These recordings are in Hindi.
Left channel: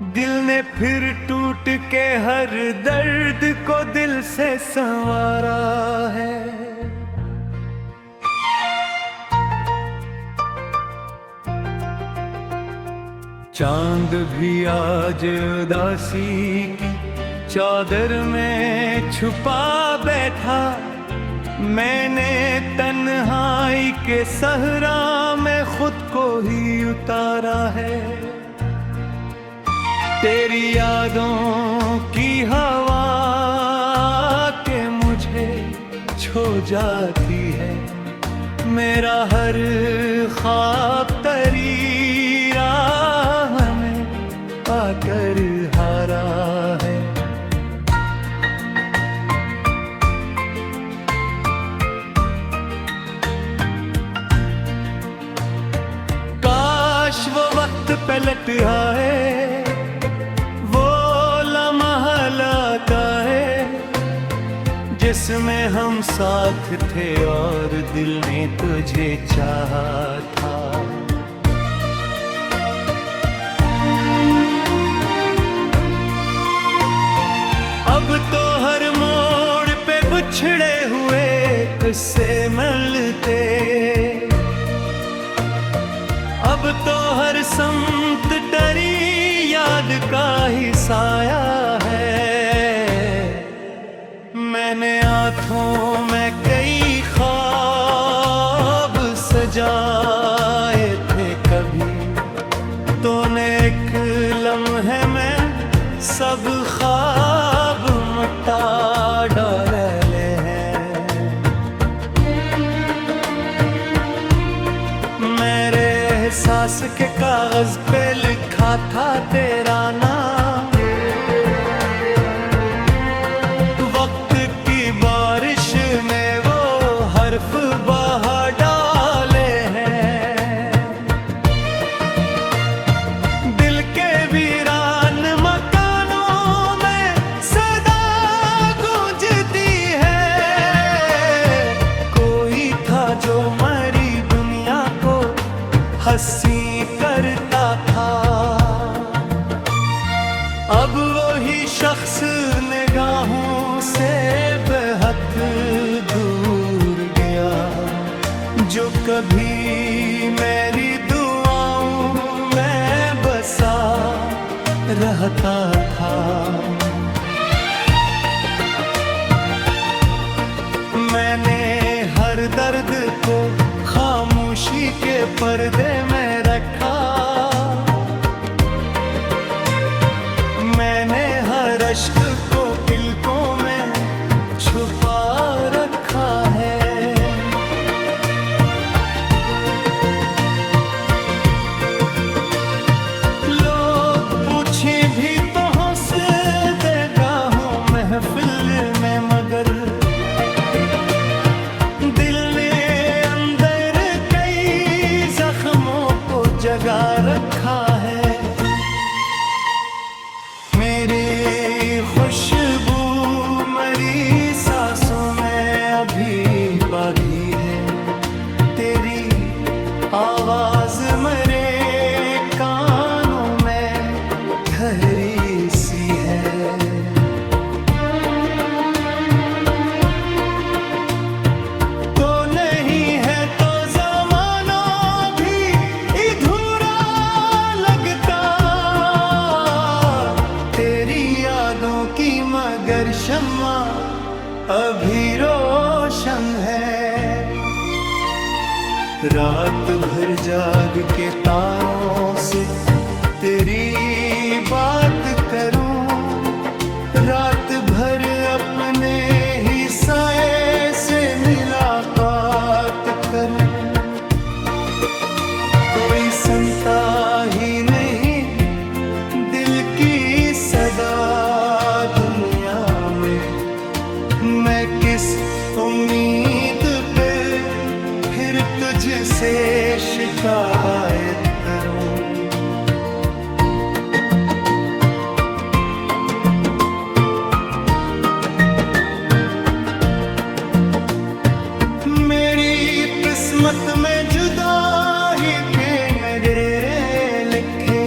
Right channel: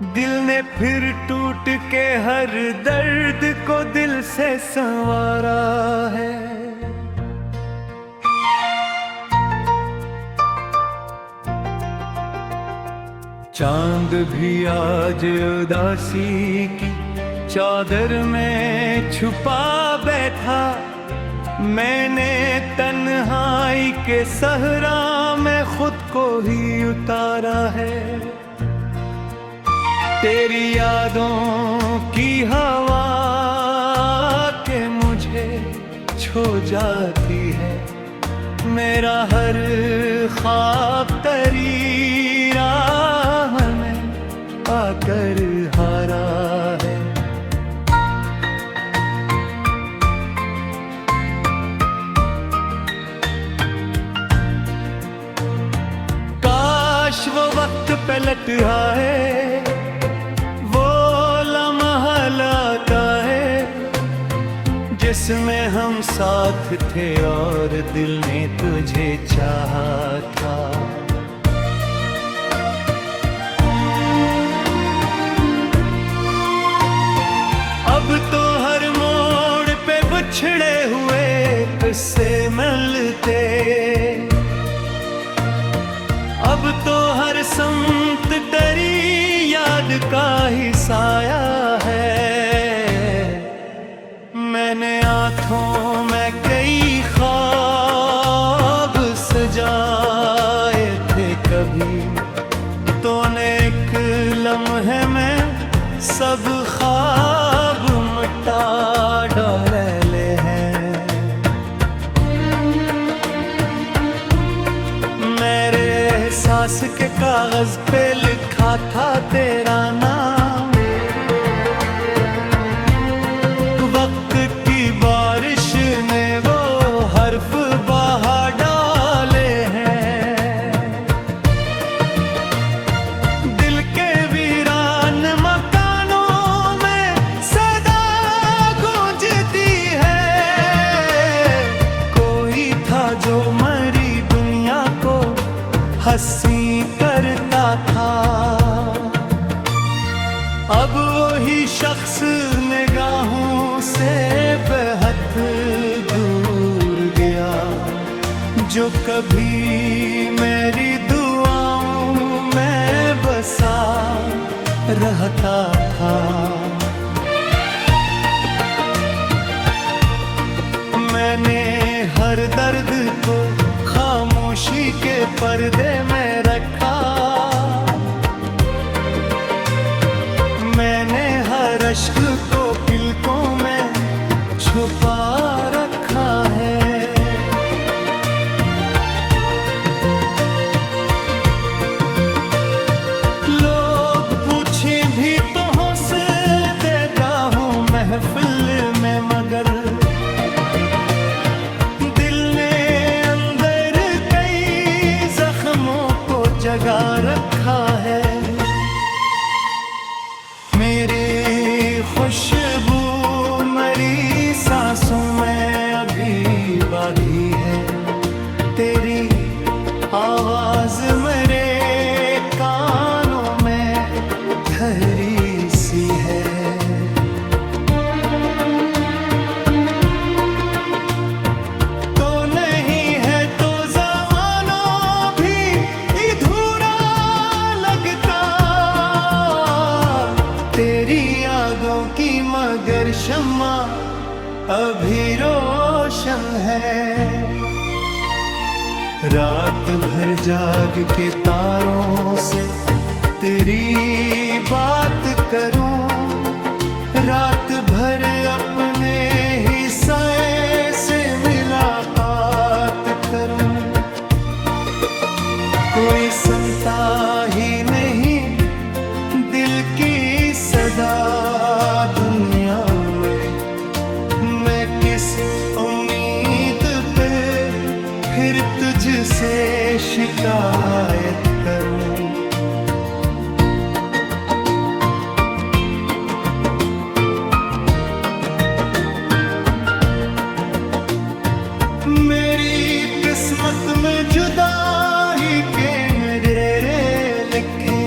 दिल ने फिर टूट के हर दर्द को दिल से संवारा है। चांद भी आज उदासी की चादर में छुपा बैठा। मैंने तन्हाई के सहरा में खुद को ही उतारा है। तेरी यादों की हवा के मुझे छो जाती है। मेरा हर ख्वाब तेरी राह में आकर हारा है। काश वो वक्त पलट आए, वो लम्हा लाता है जिसमें हम साथ थे और दिल ने तुझे चाहा था। अब तो हर मोड़ पे बिछड़े हुए किस्से मिलते। अब तो हर संत तेरी याद का ही साया है। मैंने आँखों में कई ख्वाब सजाए थे कभी, तूने एक लम्हे में सब ख्वाब मिटा डाले हैं। मेरे एहसास के कागज पे लिखा था तेरा नाम। वक्त की बारिश ने वो हर्फ बहा डाले हैं। दिल के वीरान मकानों में सदा गूंजती है। कोई था जो मरी दुनिया को हंसी करता था। अब वही शख्स निगाहों से बेहद दूर गया, जो कभी मेरी दुआओं में बसा रहता था। मैंने हर दर्द को खामोशी के पर्दे में रखा। मैंने हर अश्क को पलकों में छुपा रखा है। लोग पूछे भी तो हंस देगा हूँ महफिल में, मगर दिल ने अंदर कई जख्मों को जगा रखा है। मेरे खुशबू मरी सांसों में अभी बागी है। तेरी आवाज मेरे कानों में ठहरी सी है। तो नहीं है तो ज़माना भी अधूरा लगता। तेरी यादों की मगर शम्मा अभी रोशन है। रात भर जाग के तारों से तेरी बात करूं। रात भर अपने ही साए से मुलाकात करूं। कोई सुनता ही नहीं दिल की सदा दुनिया में। मैं किस उम्मीद पे फिर तुझसे शिकायत करूं। मेरी किस्मत में जुदाई के नजरे लिखे।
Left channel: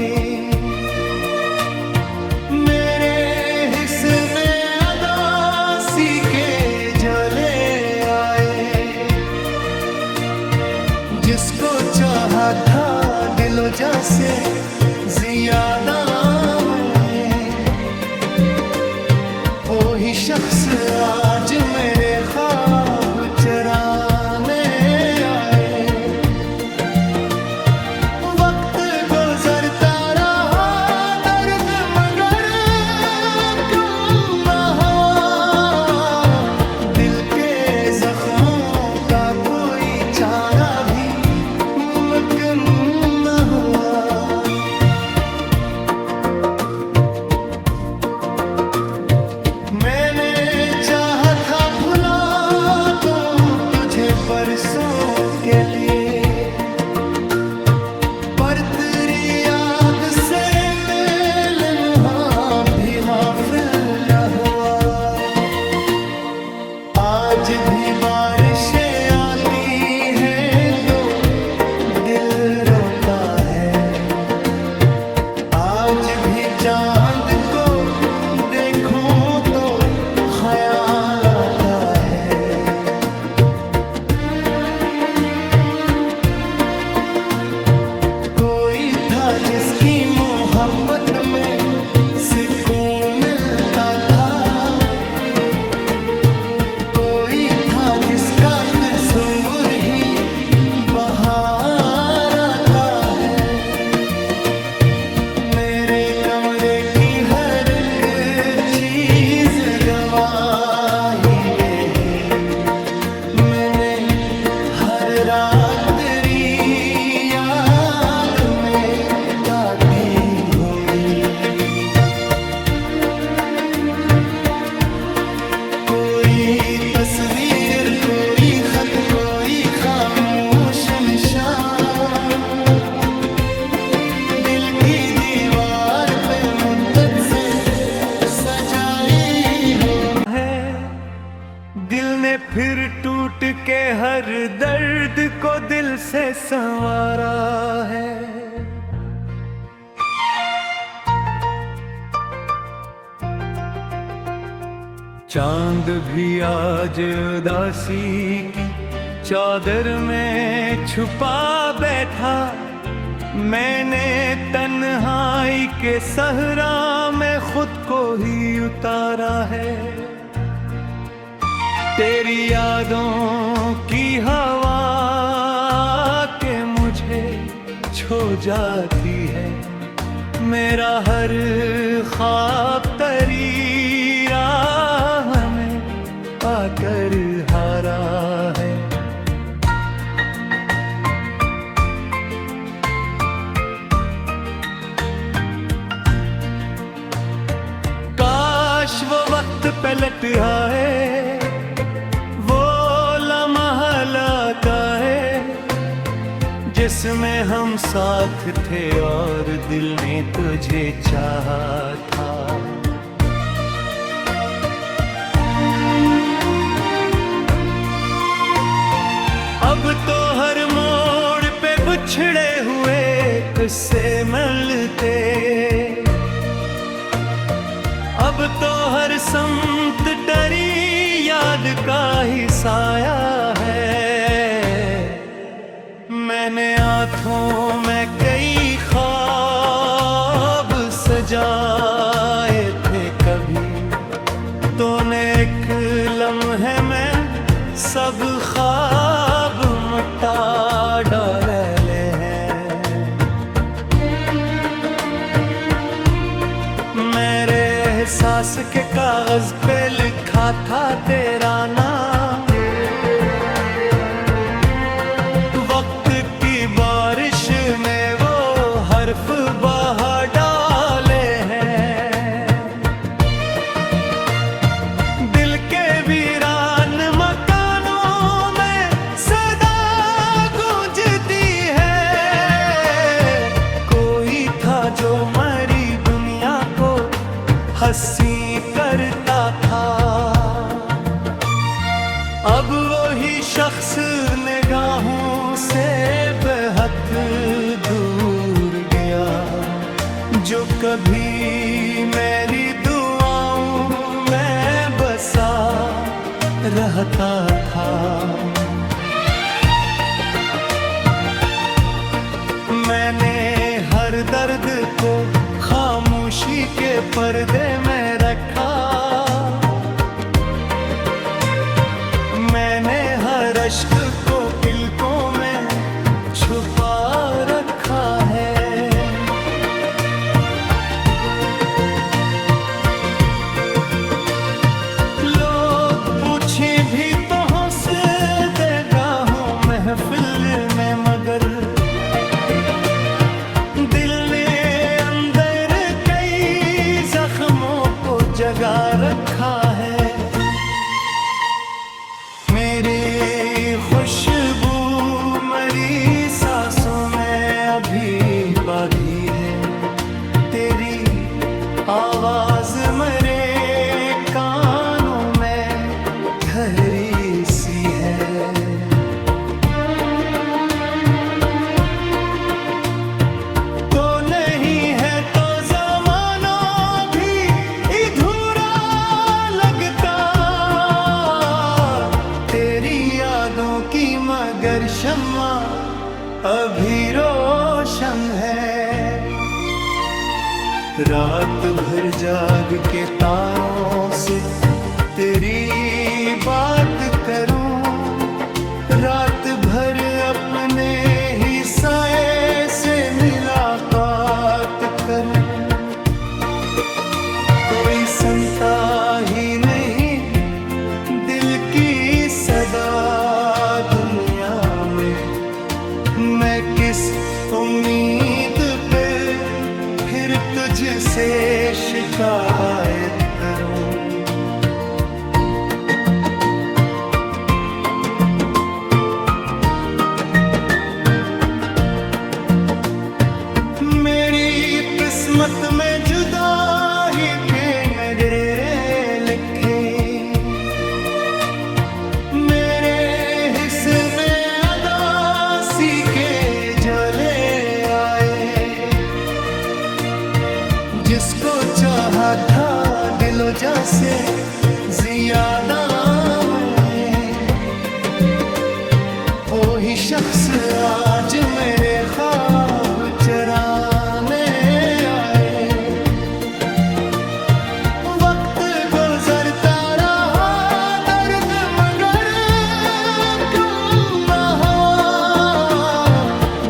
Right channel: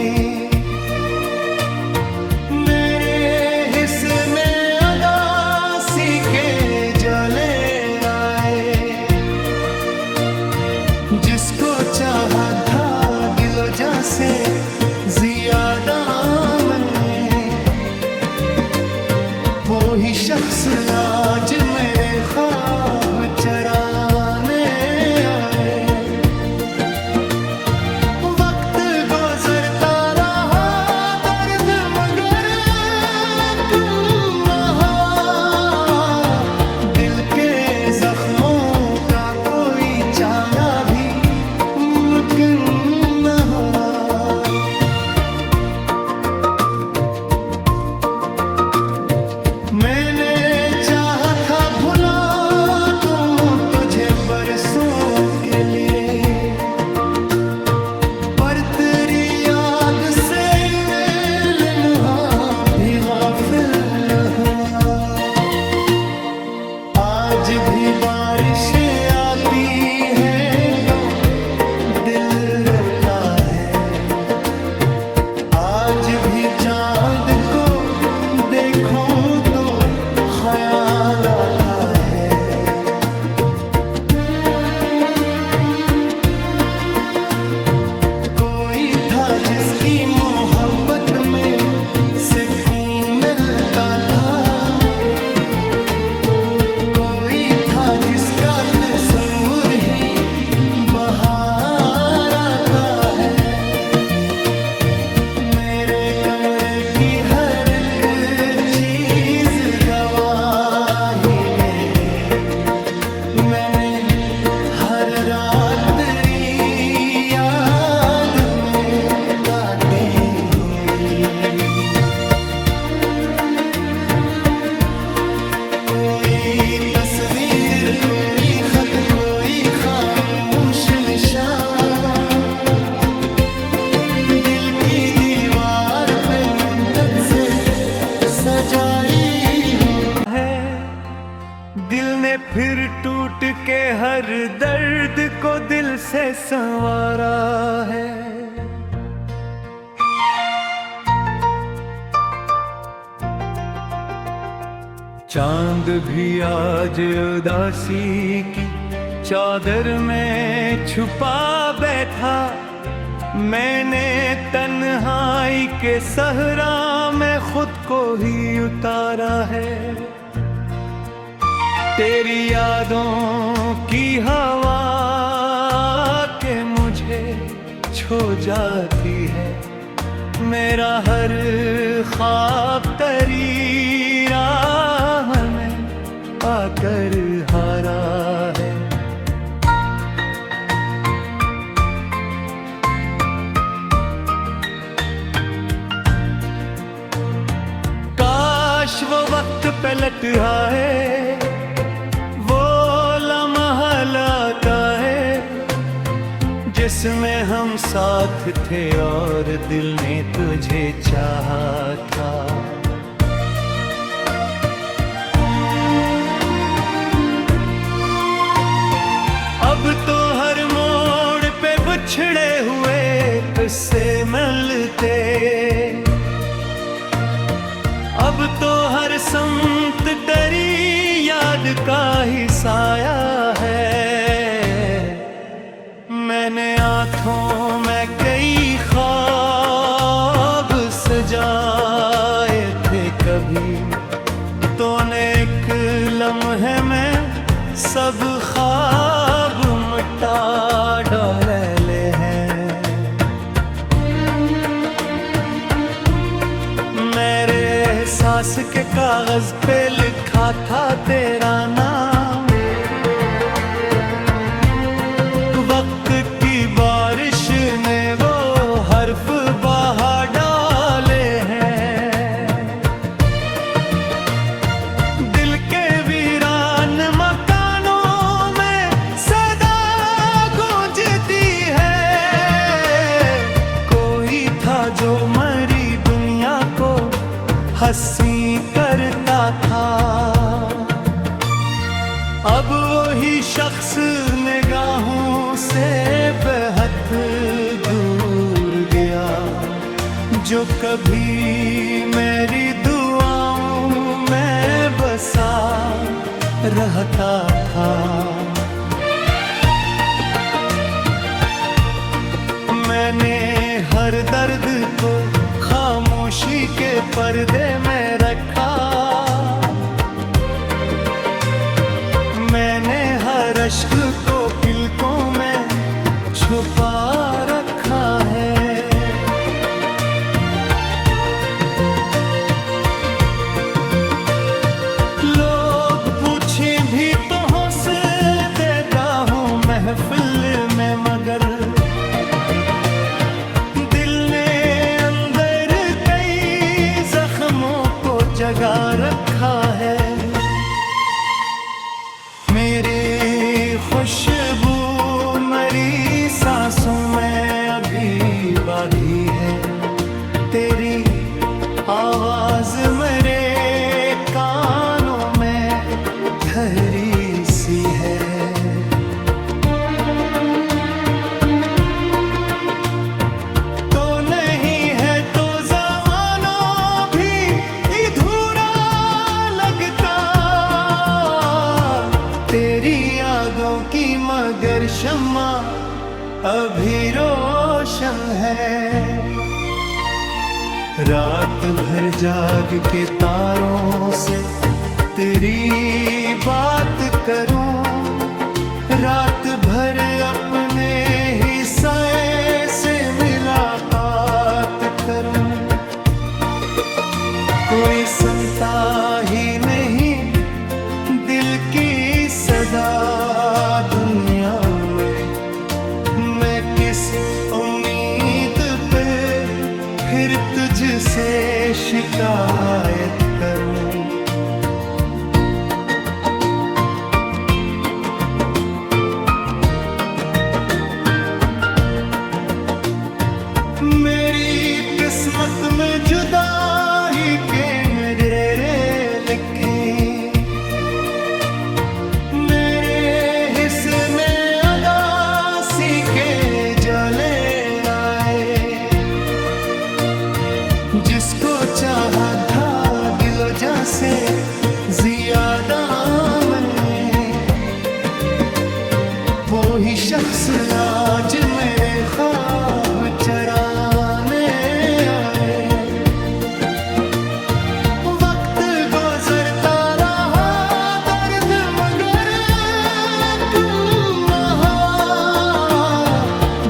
जिसको चाहा था दिलो जान से ज्यादा मैं, वो ही शख्स आज मेरे ख्वाब चराने आए। वक्त गुजरता रहा दर्द मगर कम न हुआ, दिल के जख्मों का कोई चारा भी मुमकिन न हुआ। मैंने चाहा था भुला दूं तुझे बरसों के लिए, पर तेरी याद से मिलना भी गाफिल न हुआ। आज भी बारिशें आती है तो दिल रोता है, आज भी चांद को देखूं तो ख्याल आता है। कोई था जिसकी मोहब्बत में सुकून मिलता था, कोई था जिसका तस्वीर ही बाहर आता है। मेरे कमरे की हर एक चीज गवाही गई, मैंने हर रात तेरी याद में काटी होगी। कोई तस्वीर, कोई खत, कोई खामोश निशान, दिल की दीवार पे मुद्दत से सजाई हो है। दिल ने फिर टूट के हर दर्द को दिल से संवारा है। चांद भी आज उदासी की चादर में छुपा बैठा, मैंने तन्हाई के सहरा में खुद को ही उतारा है। तेरी यादों की हवा के मुझे छो जाती है, मेरा हर ख्वाब तेरी राह में आकर हारा है। काश वो वक्त पलट आए, वो लम्हा लाता है जिसमें हम साथ थे और दिल ने तुझे चाहा था। अब तो हर मोड़ पे बिछड़े हुए किस्से मिलते, अब तो हर समत तेरी याद का ही साया है। मैंने आँखों में कई ख्वाब सजाए थे कभी, तूने एक लम्हे में सब ख्वाब मिटा डाले हैं। मेरे एहसास के कागज पे लिखा था तेरा नाम, वक्त की बारिश ने वो हर्फ बहा डाले हैं। दिल के वीरान मकानों में सदा गूंजती है, कोई था जो मरी दुनिया को हंसी करता था। अब वही शख्स निगाहों से बेहद दूर गया, जो कभी मेरी दुआओं में बसा रहता था। मैंने हर दर्द को खामोशी के पर्दे में रखा, मैंने हर अश्क को पलकों में छुपा रखा है। लोग पूछे भी तो हंस देगा हूँ महफिल में, मगर दिल ने अंदर कई जख्मों को जगा रखा है। मेरे खुशबू मरी सांसों में अभी बागी है, तेरी आवाज मेरे कानों में ठहरी सी है। तो नहीं है तो ज़माना भी अधूरा लगता, तेरी यादों की मगर शम्मा अभी रोशन है। रात भर जाग के तारों से तेरी बात करूं, रात भर अपने ही साए से मुलाकात करूं। कोई सुनता ही नहीं दिल की सदा दुनिया में, मैं किस उम्मीद पे फिर तुझसे शिकायत करूं। मेरी किस्मत में जुदाई के नजरे लिखे, मेरे हिस्से में अदासी के जले आए। जिसको चाहा था दिलो जान से ज्यादा मैं, वो ही शख्स आज मेरे ख्वाब चराने आए। वक्त गुजरता रहा दर्द मगर कम न हुआ,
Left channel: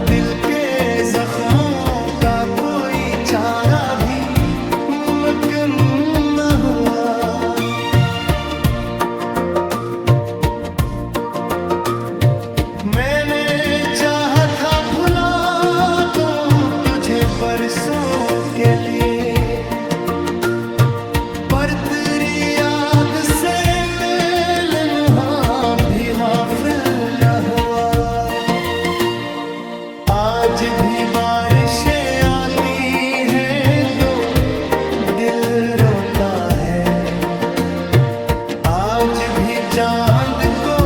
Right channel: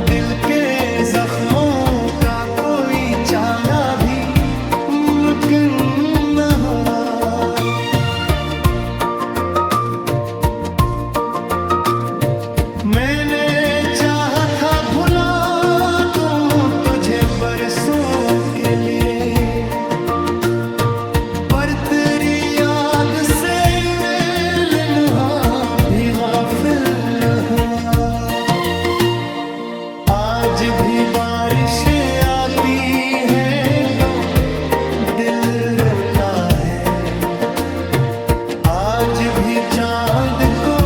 दिल के जख्मों का कोई चारा भी मुमकिन न हुआ। मैंने चाहा था भुला दूं तुझे बरसों के लिए, पर तेरी याद से मेल मुहा भी गाफिल न हुआ। आज भी बारिशें आती है तो दिल रोता है, आज भी चांद को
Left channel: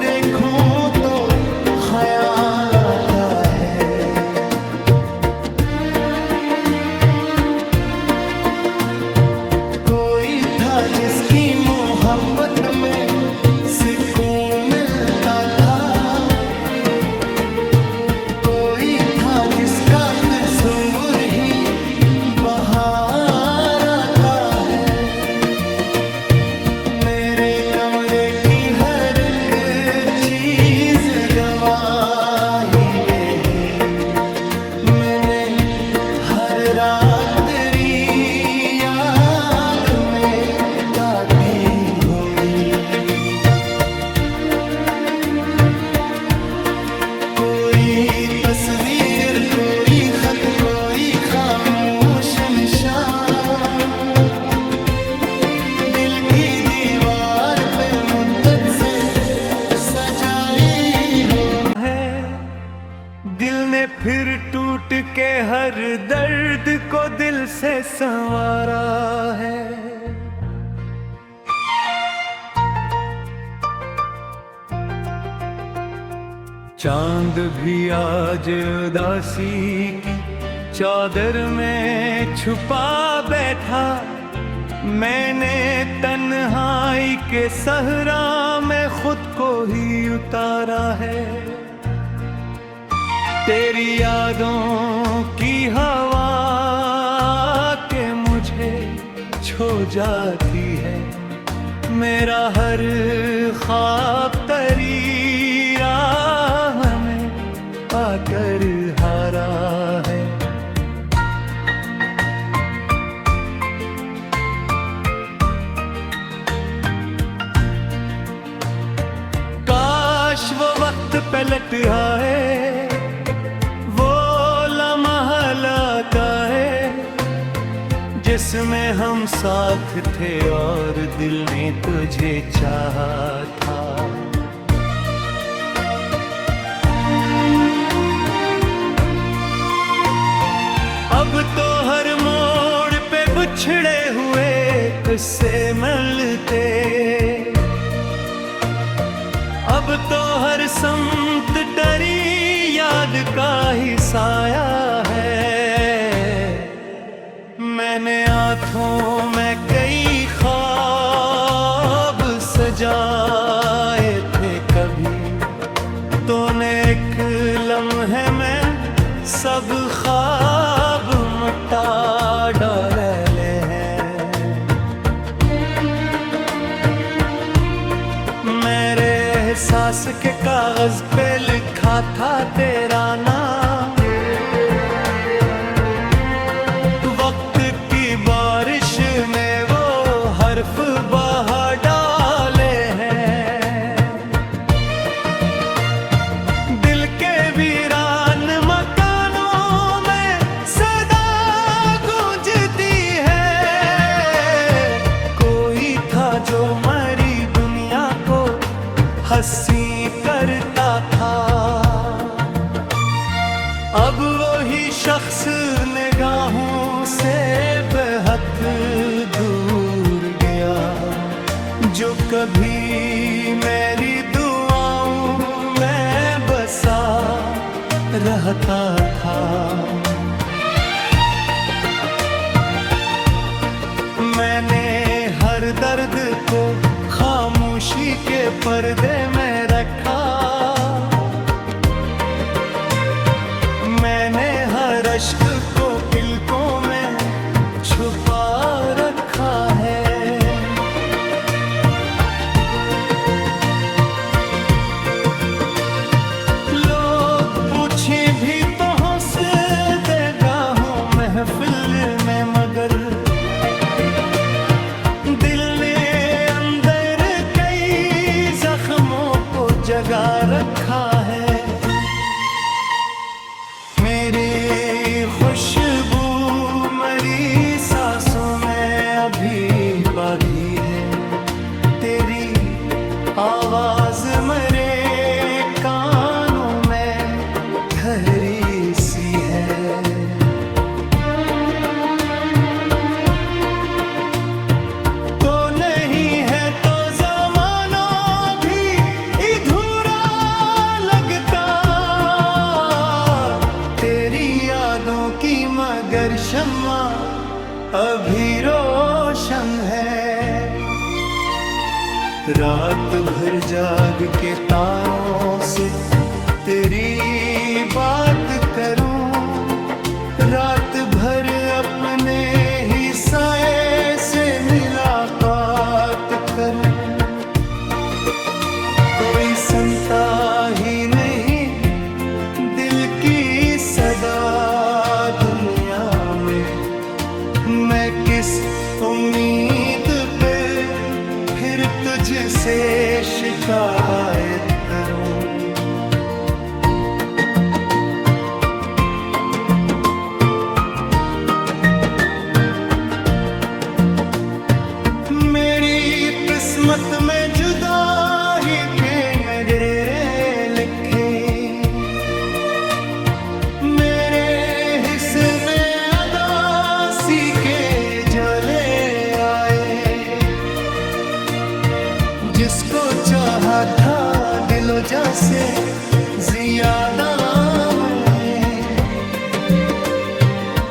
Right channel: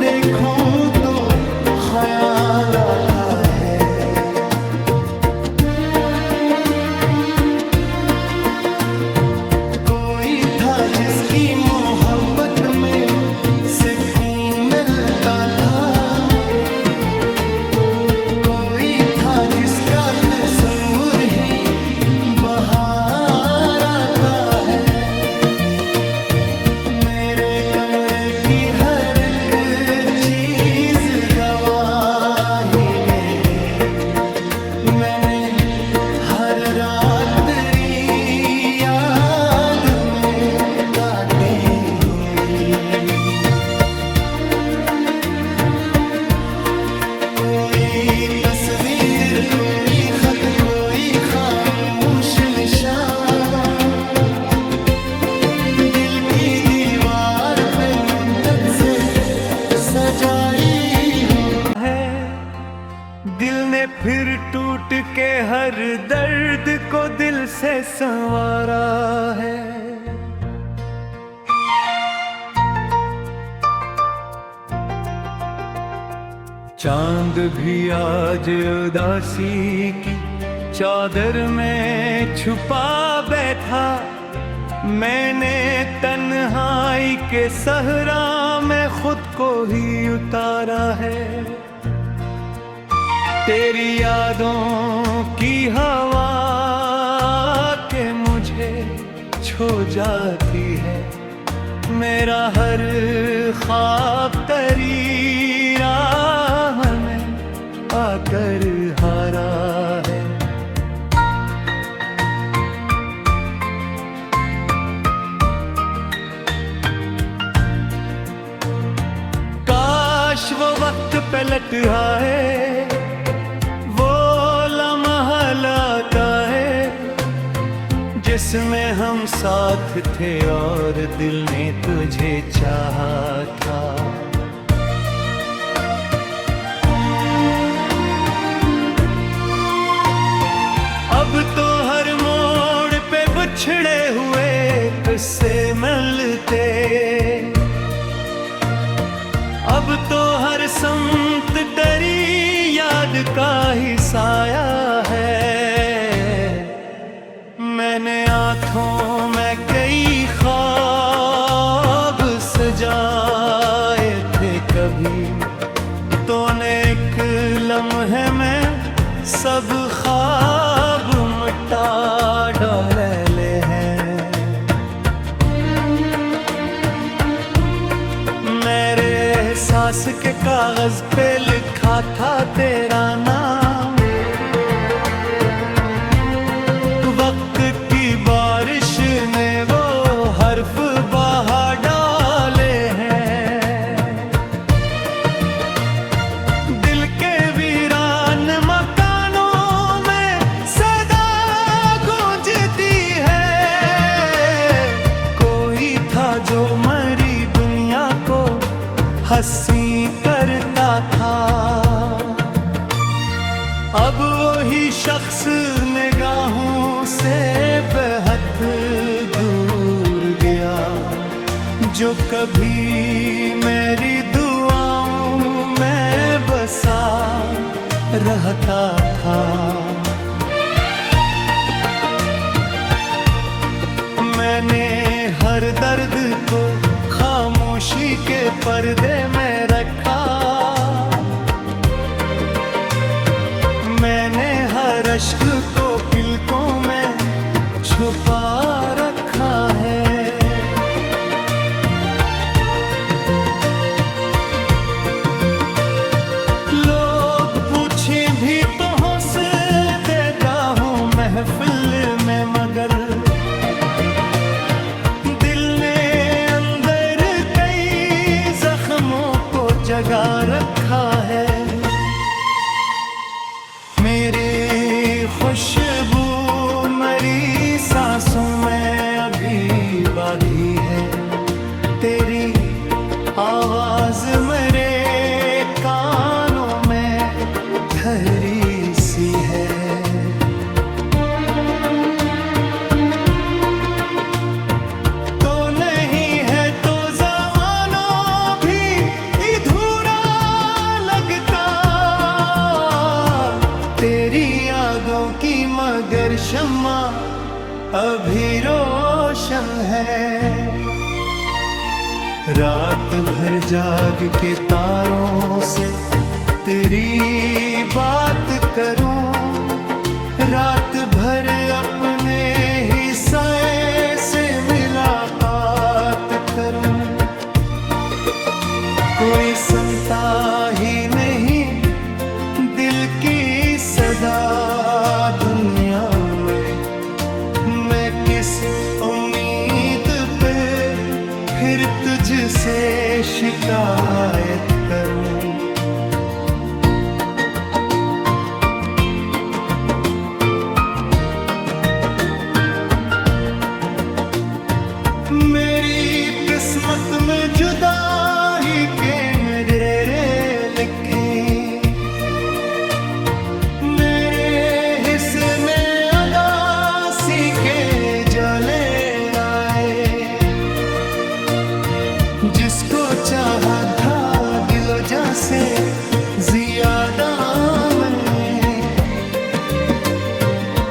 देखूं तो ख्याल आता है। कोई था जिसकी मोहब्बत में सुकून मिलता था, कोई था जिसका तस्वीर ही बहार आता है। मेरे कमरे की हर एक चीज गवाही गई, मैंने हर रात तेरी याद में काटी होगी। कोई तस्वीर, कोई खत, कोई खामोश निशान, दिल की दीवार पे मुद्दत से सजाई हो है। दिल ने फिर टूट के हर दर्द को दिल से संवारा है। चांद भी आज उदासी की चादर में छुपा बैठा, मैंने तन्हाई के सहरा में खुद को ही उतारा है। तेरी यादों की हवा के मुझे छो जाती है, मेरा हर ख्वाब तेरी राह में आकर हारा है। काश वो वक्त पलट आए, वो लम्हा लाता है जिसमें हम साथ थे और दिल ने तुझे चाहा था। अब तो हर मोड़ पे बिछड़े हुए किस्से मिलते, अब तो हर संत तेरी याद का ही साया है। मैंने आँखों में कई ख्वाब सजाए थे कभी, तूने एक लम्हे में सब ख्वाब मिटा डाले हैं। मेरे एहसास के कागज पे लिखा था तेरा नाम, वक्त की बारिश ने वो हर्फ बहा डाले हैं। दिल के वीरान मकानों में सदा गूंजती है, कोई था जो मरी दुनिया को हंसी करता था। अब वही शख्स निगाहों से बेहद दूर गया, जो कभी मेरी दुआओं में बसा रहता था। मैंने हर दर्द को खामोशी के पर्दे में रखा, मैंने हर अश्क को पलकों में छुपा रखा है। लोग पूछे भी तो हंस देगा हूँ महफिल में, मगर दिल ने अंदर कई जख्मों को जगा रखा है। मेरे खुशबू मरी सांसों में अभी बागी है, तेरी आवाज मेरे कानों में ठहरी सी है। तो नहीं है तो ज़माना भी अधूरा लगता, तेरी यादों की मगर शम्मा अभी रोशन है। रात भर जाग के तारों से तेरी बात करूं, रात भर अपने ही साए से मुलाकात करूं। कोई सुनता ही नहीं दिल की सदा दुनिया में, मैं किस उम्मीद पे फिर तुझसे शिकायत करूं। मेरी किस्मत में जुदाई के नजरे लिखे, मेरे हिस्से में अदासी के जले आए। जिसको चाहा था दिलो जान से ज्यादा मैं,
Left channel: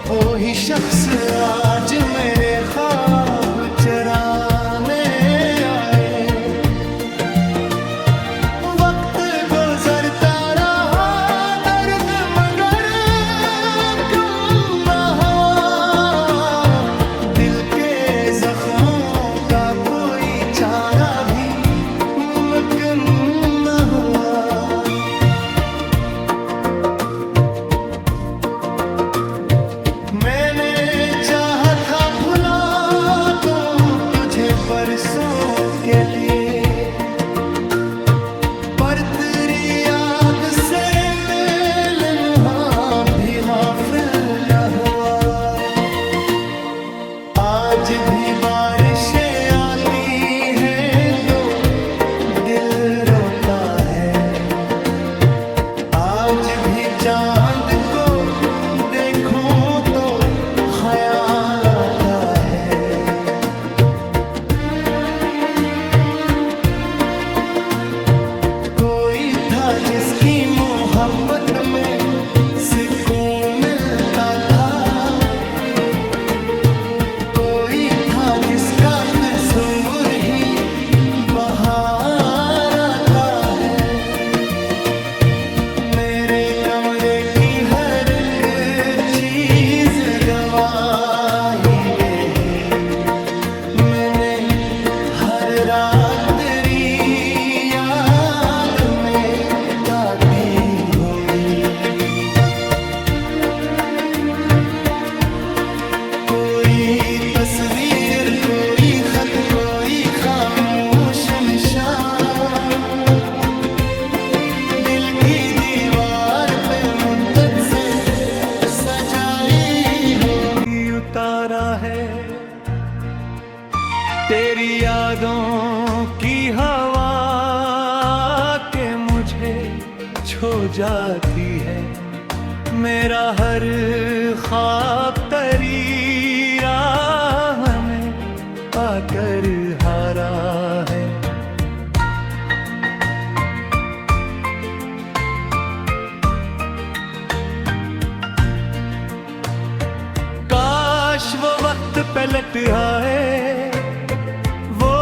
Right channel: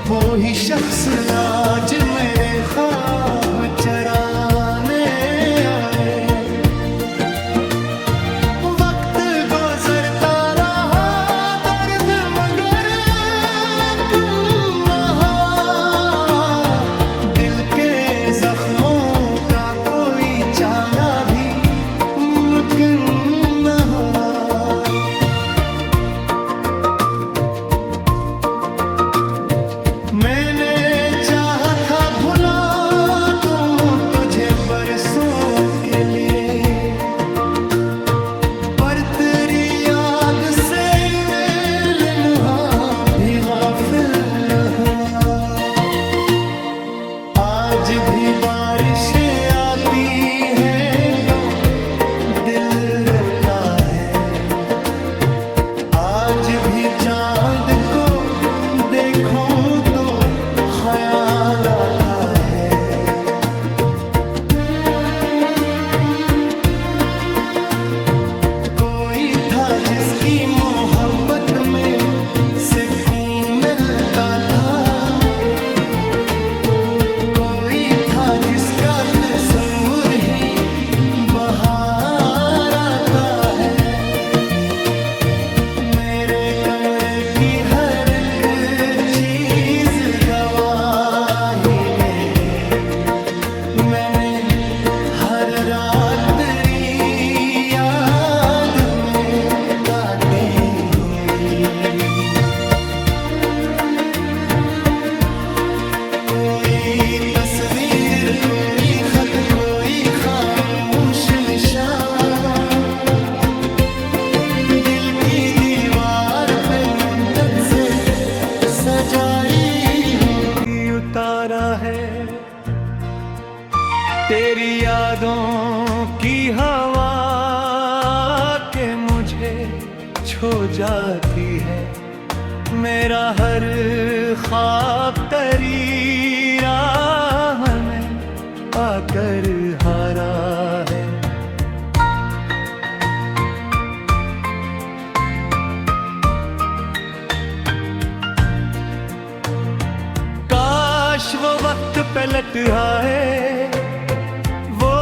वो ही शख्स आज मेरे ख्वाब चराने आए। वक्त गुजरता रहा दर्द मगर बेचारा भी मुमकिन न हुआ। मैंने चाहा था भुला दूं तुझे बरसों के लिए, पर तेरी याद से मेल मुहा भी गाफिल न हुआ। आज भी बारिशें आती हैं तो दिल रोता है, आज भी चांद को देखूं तो ख्याल आता है। कोई था जिसकी मोहब्बत में सुकून मिलता था, कोई था जिसका तस्वीर ही बहार आता है। मेरे कमरे की हर एक चीज गवाही गई, मैंने हर रात तेरी याद में काटी होगी। कोई तस्वीर, कोई खत, कोई खामोश निशान दिल की दीवार पे मुद्दत से सजाई होगी। उतारा है तेरी यादों की हवा के मुझे छो जाती है। मेरा हर ख्वाब तेरी राह में आकर हारा है। काश वो वक्त पलट आए, वो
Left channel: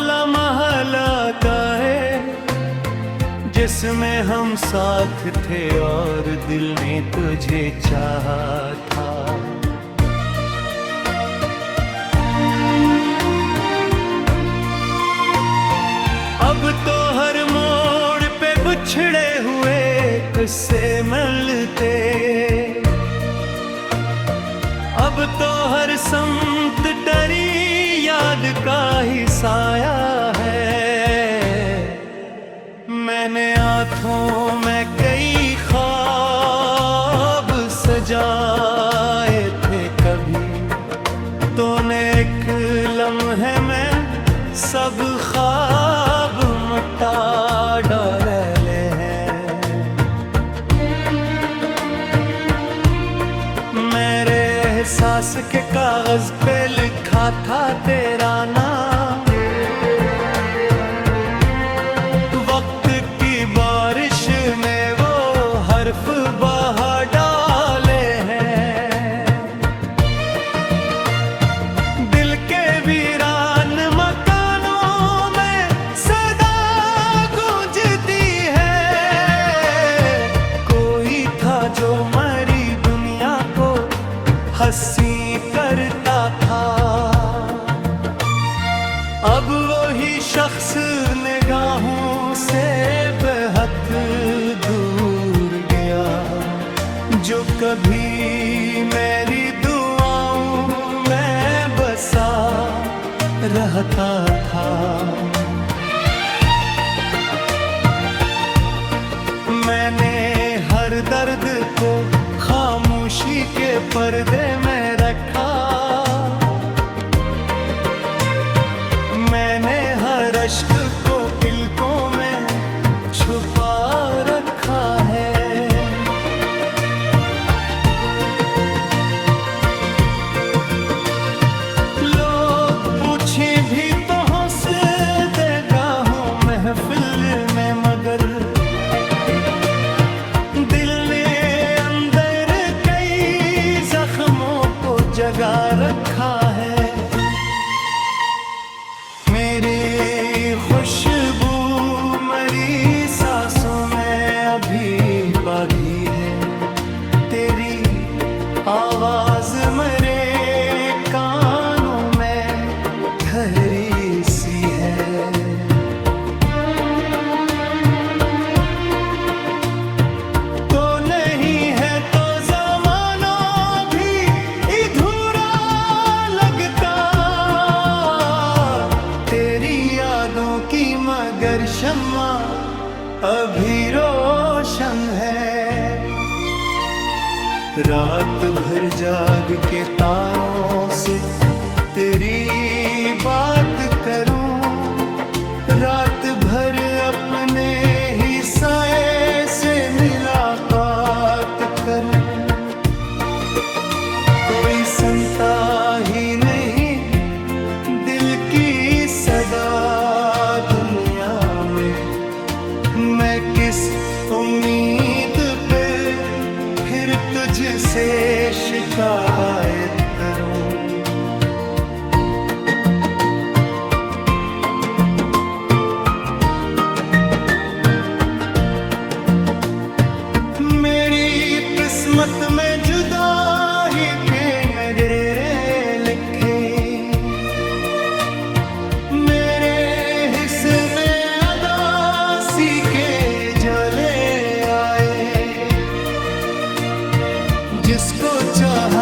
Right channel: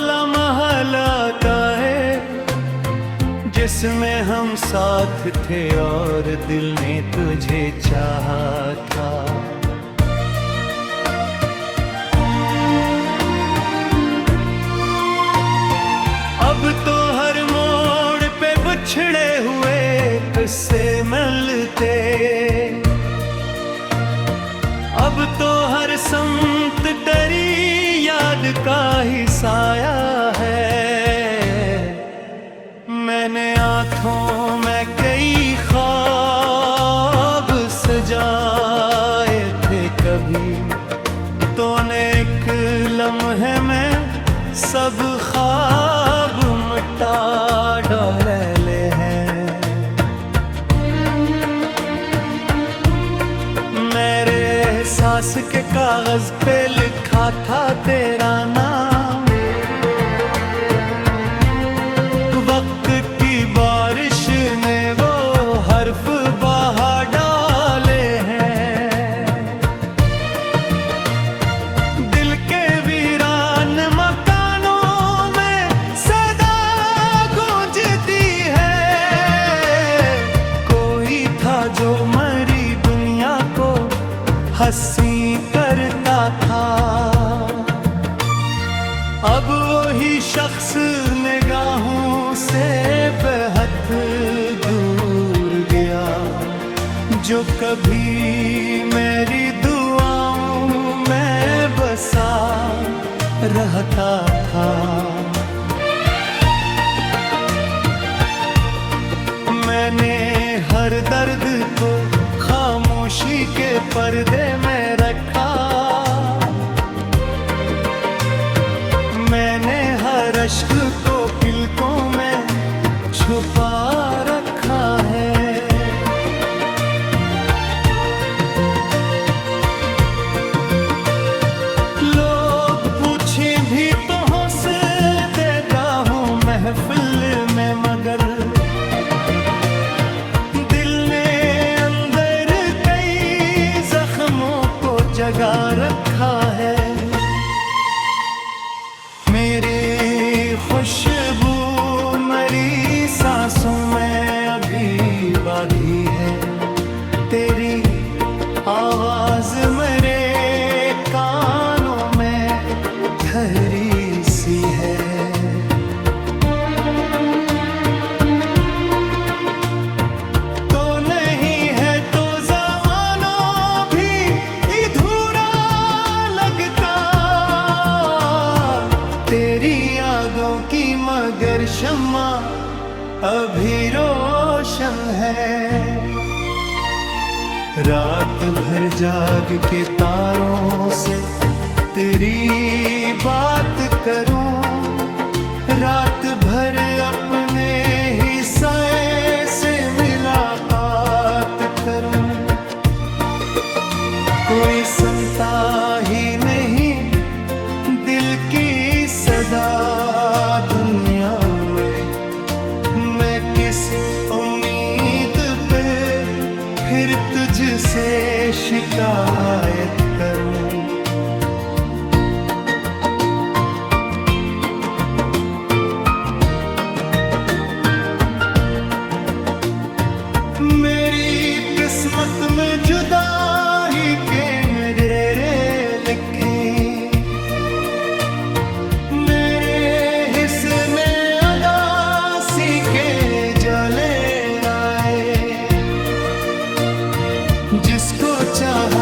लम्हा लाता है जिसमें हम साथ थे और दिल ने तुझे चाहा था। अब तो हर मोड़ पे बिछड़े हुए किस्से मिलते, अब तो हर संत तेरी याद का ही साया है। मैंने आँखों में कई ख्वाब सजाए थे कभी, तूने एक लम्हे में सब ख्वाब मिटा डाले हैं। मेरे एहसास के कागज पे लिखा था तेरा नाम, वक्त की बारिश ने वो हर्फ बहा डाले हैं। दिल के वीरान मकानों में सदा गूंजती है। कोई था जो मरी दुनिया को हंसी करता था, अब वही शख्स निगाहों से बेहद दूर गया, जो कभी मेरी दुआओं में बसा रहता था। मैंने हर दर्द को खामोशी के पर्दे में रखा, मैंने हर अश्क को पलकों में छुपा रखा है। लोग पूछे भी तो हंस देगा हूँ महफिल में, मगर दिल ने अंदर कई जख्मों को जगा रखा है। मेरे खुशबू मरी सांसों में अभी बागी है, तेरी आवाज मेरे कानों में ठहरी सी है। रातों की मगर शम्मा अभी रोशन है। रात भर जाग के तारों से तेरी बात करूं, रात भर अपने ही साए से मुलाकात करूं। कोई सुनता ही नहीं दिल की सदा दुनिया में, मैं किस उम्मीद पे फिर तुझसे शिकायत करूं। मेरी किस्मत में जुदाई के नजरे लिखे, मेरे हिस्से में अदासी के जले आए। जिसको चाह